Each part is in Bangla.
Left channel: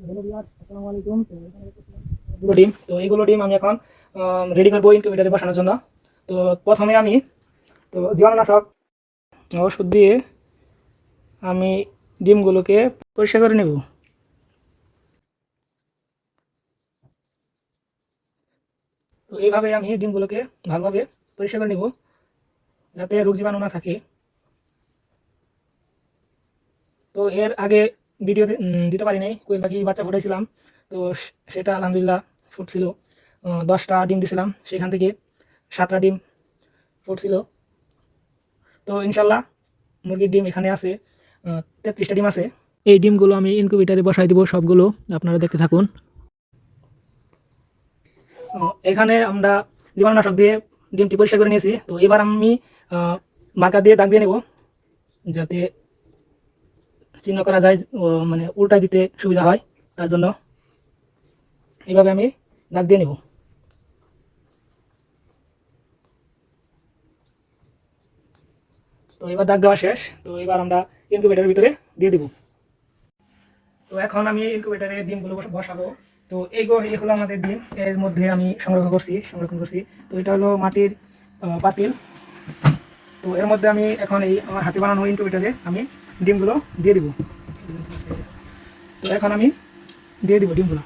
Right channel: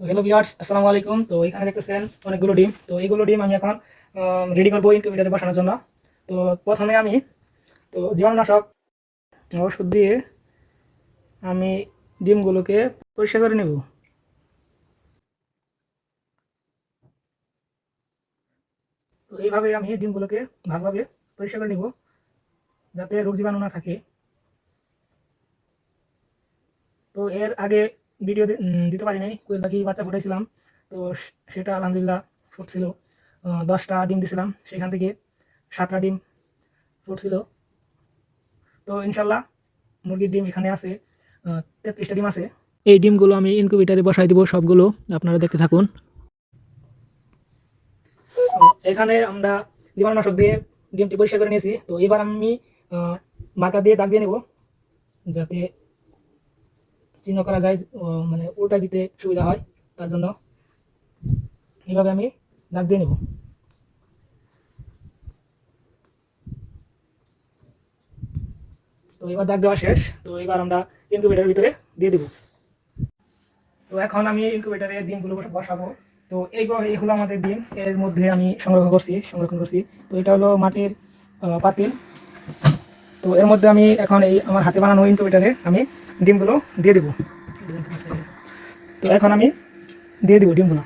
তো হ্যালো ভিউয়ার্স, আসসালামু আলাইকুম। তো এখানে দেখতেছেন অনেকগুলো ডিম। তো এইগুলো ডিম আমি এখন রেডি করবো ইনকিউবেটরে বসানোর জন্য। তো প্রথমে আমি জীবাণুনাশক ওষুধ দিয়ে আমি ডিমগুলোকে পরিষ্কার করে নেব। তো এইভাবে আমি ডিমগুলোকে ভালোভাবে পরিষ্কার করে নেব, যাতে রোগ জীবাণু না থাকে। তো এর আগে ভিডিও দিতে পারি নাই, কোয়েল পাখি বাচ্চা ফুটাইছিলাম। তো সেটা আলহামদুলিল্লাহ ফুটছিল। 10টা ডিম দিয়েছিলাম, সেখান থেকে 7টা ডিম ফুটছিল। তো ইনশাল্লাহ মুরগির ডিম এখানে আছে 33টা ডিম আছে। এই ডিমগুলো আমি ইনকিউবেটারে বসাই দিব সবগুলো, আপনারা দেখতে থাকুন। এখানে আমরা জীবাণুনাশক দিয়ে ডিমটি পরিষ্কার করে নিয়েছি। তো এবার আমি মার্কার দিয়ে দাগ দিয়ে নেব, যাতে চিহ্ন করা যায়, মানে উল্টায় দিতে সুবিধা হয়। তার জন্য এইভাবে আমি দাগ দিয়ে নেব। তো এবার দাগ দেওয়া শেষ। তো এবার আমরা ইনকিউবেটারের ভিতরে দিয়ে দিব। তো এখন আমি ইনকিউবেটারে ডিমগুলো বসাবো। তো এই হলো আমাদের ডিম, এর মধ্যে আমি সংরক্ষণ করছি। তো এটা হলো মাটির পাতিল। তো এর মধ্যে আমি এখন এই আমার হাতে বানানো ইনকিউবেটারে আমি ডিমগুলো দিয়ে দিব। তো এখন আমি দিয়ে দিব ডিমগুলো।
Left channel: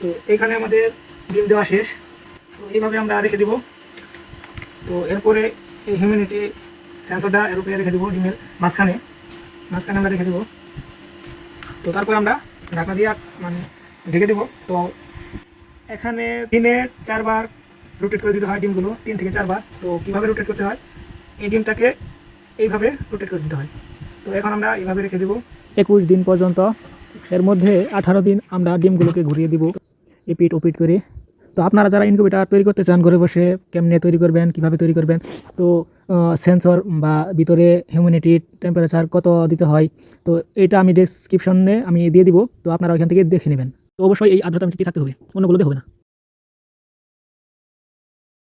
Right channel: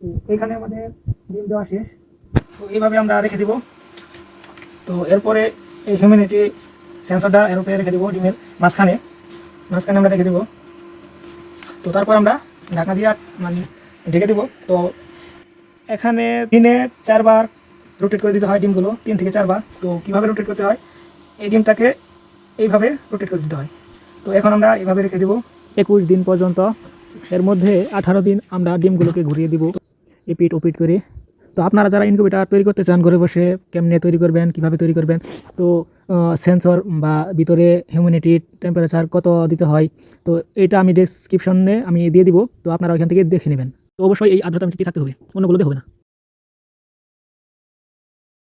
তো এখানে আমাদের ডিম দেওয়া শেষ। তো এইভাবে আমরা রেখে দিব। তো এরপরে এই হিউম্যানিটি সেন্সরটা এর উপরে রেখে দেবো, ডিমের মাঝখানে মাঝখানে আমরা রেখে দেবো। তো তারপর আমরা ঢাকনা দিয়ে মানে ঢেকে দেবো। তো এখানে দিনে 4বার রোটেট করে দিতে হয় ডিমগুলো, 3 থেকে 4বার। তো কীভাবে রোটেট করতে হয়, এই ডিমটাকে এইভাবে রোটেট করে দিতে হয়। তো এখন আমরা এইভাবে রেখে দেবো 21 দিন পর্যন্ত। এর মধ্যে 18 দিন আমরা ডিমগুলোকে ঘুরিয়ে দিব এপিট ওপিট করে। তো আপনারা যারা ইনকিউবেটার তৈরি করতে চান ঘরে বসে, কেমনে তৈরি করবেন, কিভাবে তৈরি করবেন, তো সেন্সর বা ভিতরে হিউম্যানিটি টেম্পারেচার কত দিতে হয়, তো এটা আমি ডেসক্রিপশনে আমি দিয়ে দিব। তো আপনারা ওইখান থেকে দেখে নেবেন। তো অবশ্যই এই আর্দ্রতা মিষ্টি থাকতে হবে, অন্যগুলোতে হবে না।